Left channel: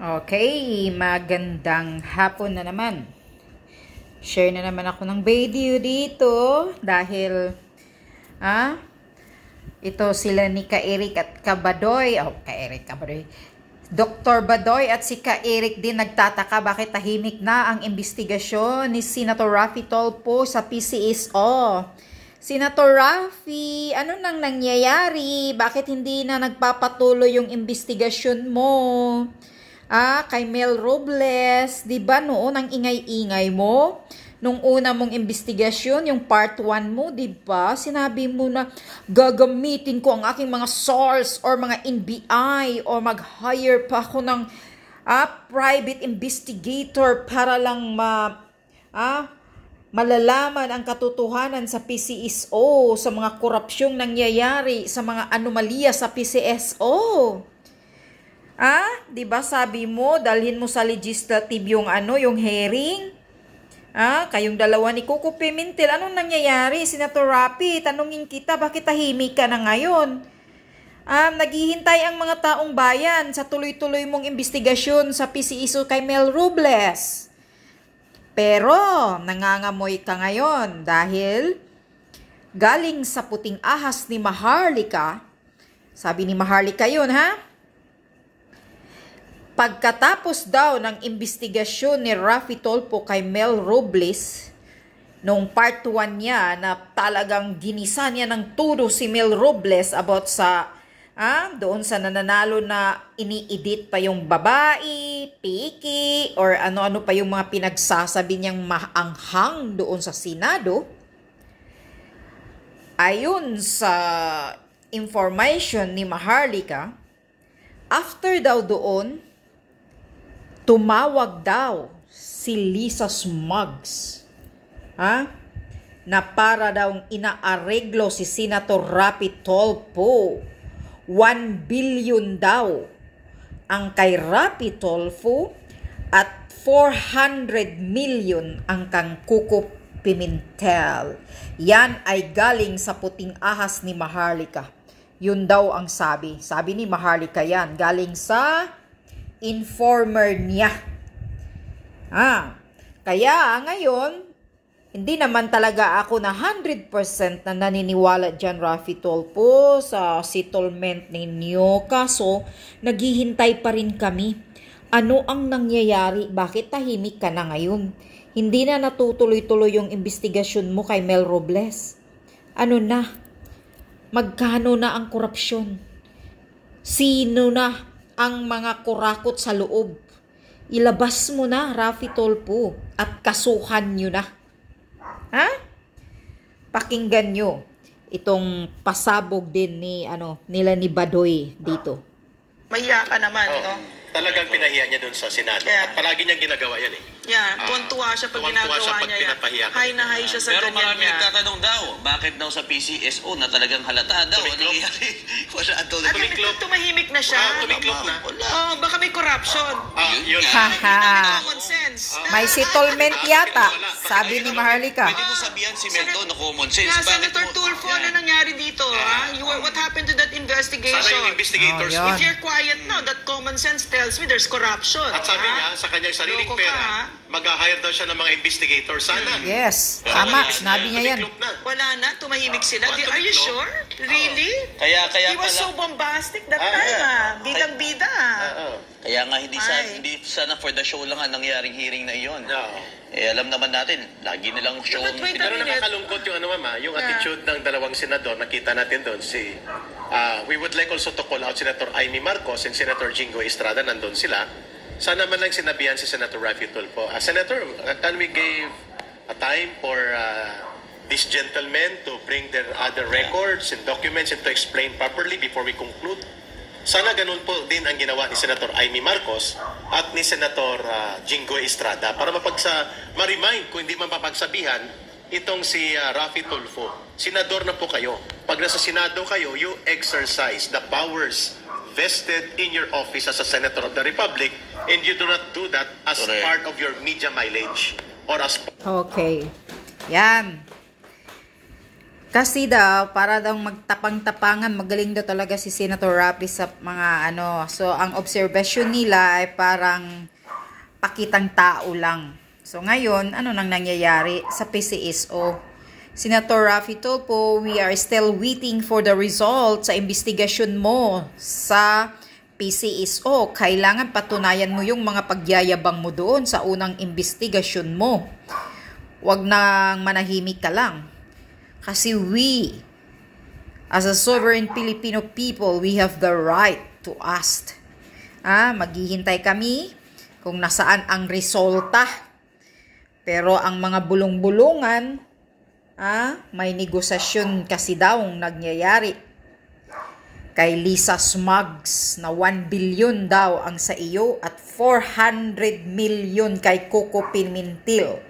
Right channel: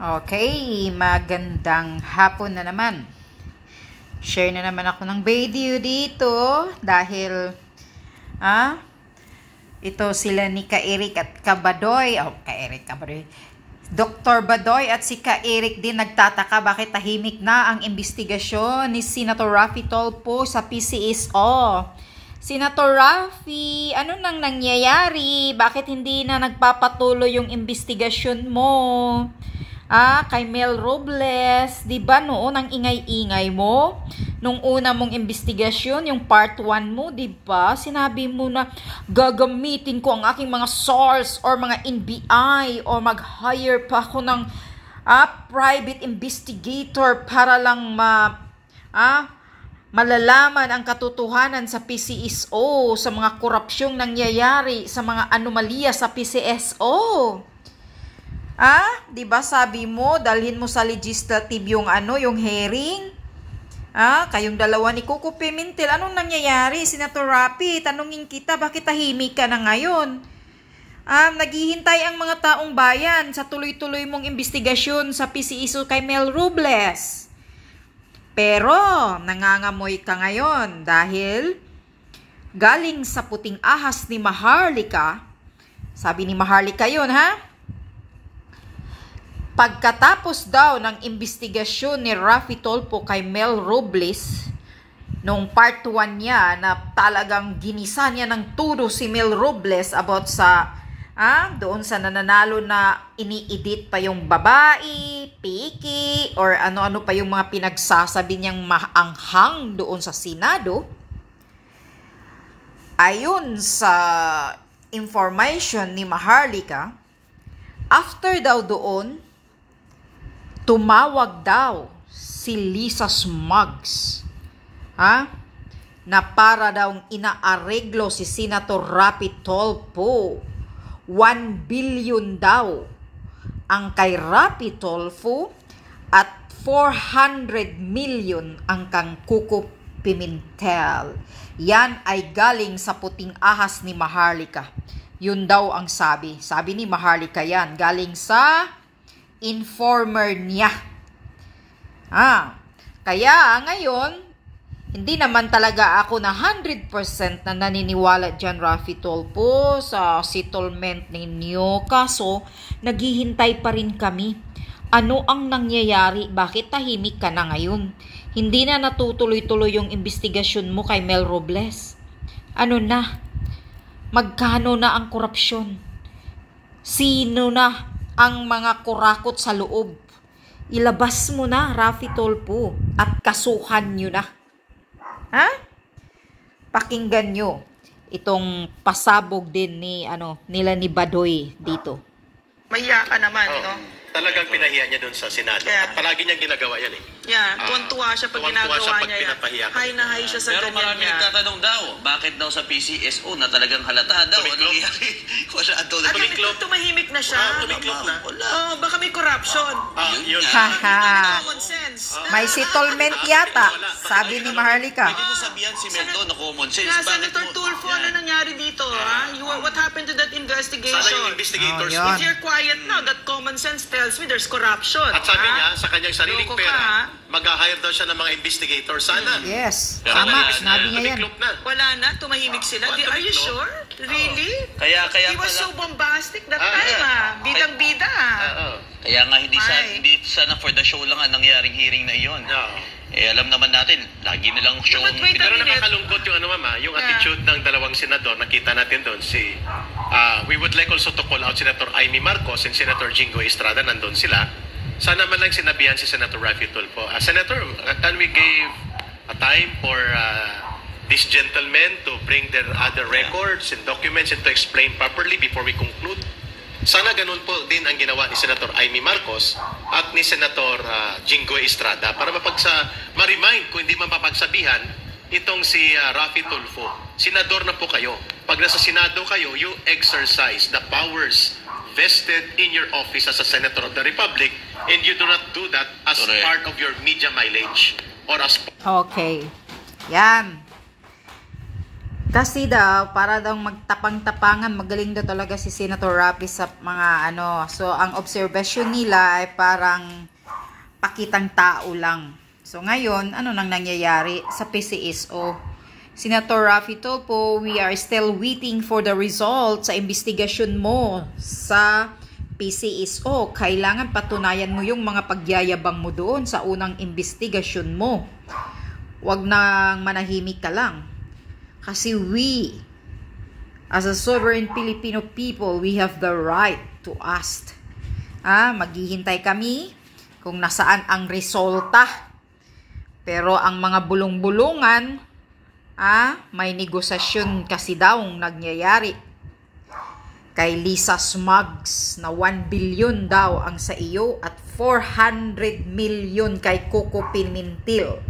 Okay, magandang hapon na naman. Share na naman ako ng video dito dahil ito sila ni Ka-Eric at Ka-Badoy. Ka-Badoy. Dr. Badoy at si Ka-Eric din nagtataka bakit tahimik na ang investigasyon ni Senator Raffy Tulfo sa PCSO. Senator Raffy, ano nang nangyayari? Bakit hindi na nagpapatuloy yung investigasyon mo? Kay Mel Robles, di ba noon ang ingay-ingay mo? Nung una mong investigasyon, yung part 1 mo, di ba? Sinabi mo na gagamitin ko ang aking mga source or mga NBI or mag-hire pa ako ng private investigator para lang malalaman ang katotohanan sa PCSO, sa mga korupsyong nangyayari, sa mga anomalya sa PCSO. Di ba sabi mo, dalhin mo sa legislative yung yung hearing? Kayong dalawa ni Coco Pimentel, anong nangyayari? Senator Raffy, tanungin kita, bakit tahimik ka na ngayon? Naghihintay ang mga taong bayan sa tuloy-tuloy mong investigasyon sa PCSO kay Mel Robles. Pero, nangangamoy ka ngayon dahil galing sa puting ahas ni Maharlika, sabi ni Maharlika yun, pagkatapos daw ng investigasyon ni Raffy Tulfo kay Mel Robles, nung part 1 niya na talagang ginisa niya ng todo si Mel Robles about sa doon sa nananalo na ini-edit pa yung babae, piki, or ano-ano pa yung mga pinagsasabi niyang maanghang doon sa Senado. Ayon sa information ni Maharlika, after daw doon, tumawag daw si Lisa Smugs na para daw inaareglo si Senator Raffy Tulfo. 1 billion daw ang kay Raffy Tulfo at 400 million ang kang Coco Pimentel. Yan ay galing sa puting ahas ni Maharlika. Yun daw ang sabi. Sabi ni Maharlika yan. Galing sa informer niya. Kaya ngayon, hindi naman talaga ako na 100% na naniniwala dyan, Raffy Tulfo, sa settlement ninyo. Kaso, naghihintay pa rin kami. Ano ang nangyayari? Bakit tahimik ka na ngayon? Hindi na natutuloy-tuloy yung investigasyon mo kay Mel Robles. Ano na? Magkano na ang korupsyon? Sino na ang mga kurakot sa loob? Ilabas mo na, Raffy Tulfo, at kasuhan nyo na. Pakinggan nyo itong pasabog din nila ni Badoy dito. Mahiya ka naman, no? Talagang pinahiya niya doon sa Senado. Yeah. At palagi niyang ginagawa yan Tuwan-tuwa siya pag ginagawa niya yan. High na high siya sa pero ganyan marami nagtatanong daw, bakit daw sa PCSO na talagang halata daw? Ano nangyayari? Wala daw. Tumahimik na siya. Tumiklop na. Baka may corruption. Yun. Common sense. May settlement yata, sabi ni Maharlika. Pwede mo sabihan si Melto na common sense. Senator Tulfo, ano nangyari dito? What happened to that investigation? Sana yung investigators. Yun. If you're quiet now, that common sense tells me there's corruption. At sabi niya, sa kanyang sariling Loko ka, pera, mag-hire daw siya ng mga investigators. Sana. Yes, tama, sinabi niya yan. Tumiklop na. Wala na, tumahimik sila. Are you sure? Really? Kaya He was so bombastic that time, Bidang-bida. Kaya nga hindi sana for the show lang ang nangyaring hearing na iyon. Alam naman natin, lagi nilang show. But wait a Pero minute. nakakalungkot yung yung attitude ng dalawang senador. Nakita natin doon we would like also to call out Senator Amy Marcos and Senator Jingo Estrada. Nandun sila. Sana man lang sinabihan si Senator Raffy Tulfo. Senator, can we give a time for these gentlemen to bring their other records and documents and to explain properly before we conclude? Sana ganun po din ang ginawa ni Senator Amy Marcos at ni Senator Jingo Estrada para ma-remind kung hindi mapapagsabihan itong si Raffy Tulfo. Senador na po kayo. Pag nasa Senado kayo, you exercise the powers vested in your office as a Senator of the Republic, and you do not do that as part of your media mileage or as... Okay. Yan. Kasi daw, para daw magtapang-tapangan, magaling daw talaga si Senator Raffy sa mga ano. So, ang observation nila ay parang pakitang tao lang. So, ngayon, ano nang nangyayari sa PCSO? Senator Raffy Tulfo, we are still waiting for the results sa investigasyon mo sa PCSO. Kailangan patunayan mo yung mga pagyayabang mo doon sa unang investigasyon mo. Huwag nang manahimik ka lang. Kasi we, as a sovereign Filipino people, we have the right to ask. Maghihintay kami kung nasaan ang resulta. Pero ang mga bulong-bulungan, may negosasyon kasi daw nangyayari. Kay Lisa Smugs na 1 billion daw ang sa iyo at 400 million kay Coco Pimentel.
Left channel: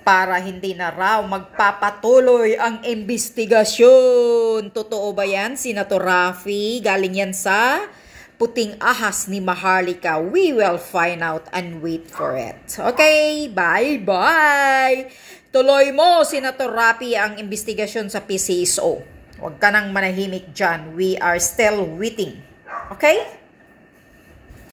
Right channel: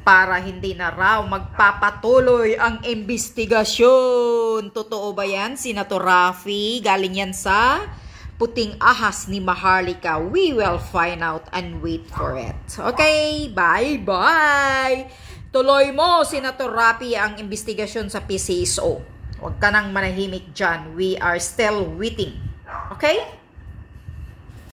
Para hindi na raw magpapatuloy ang investigasyon. Totoo ba yan, Senator Raffy? Galing yan sa puting ahas ni Maharlika. We will find out and wait for it. Okay, bye-bye! Tuloy mo, Senator Raffy, ang investigasyon sa PCSO. Huwag ka nang manahimik dyan. We are still waiting. Okay?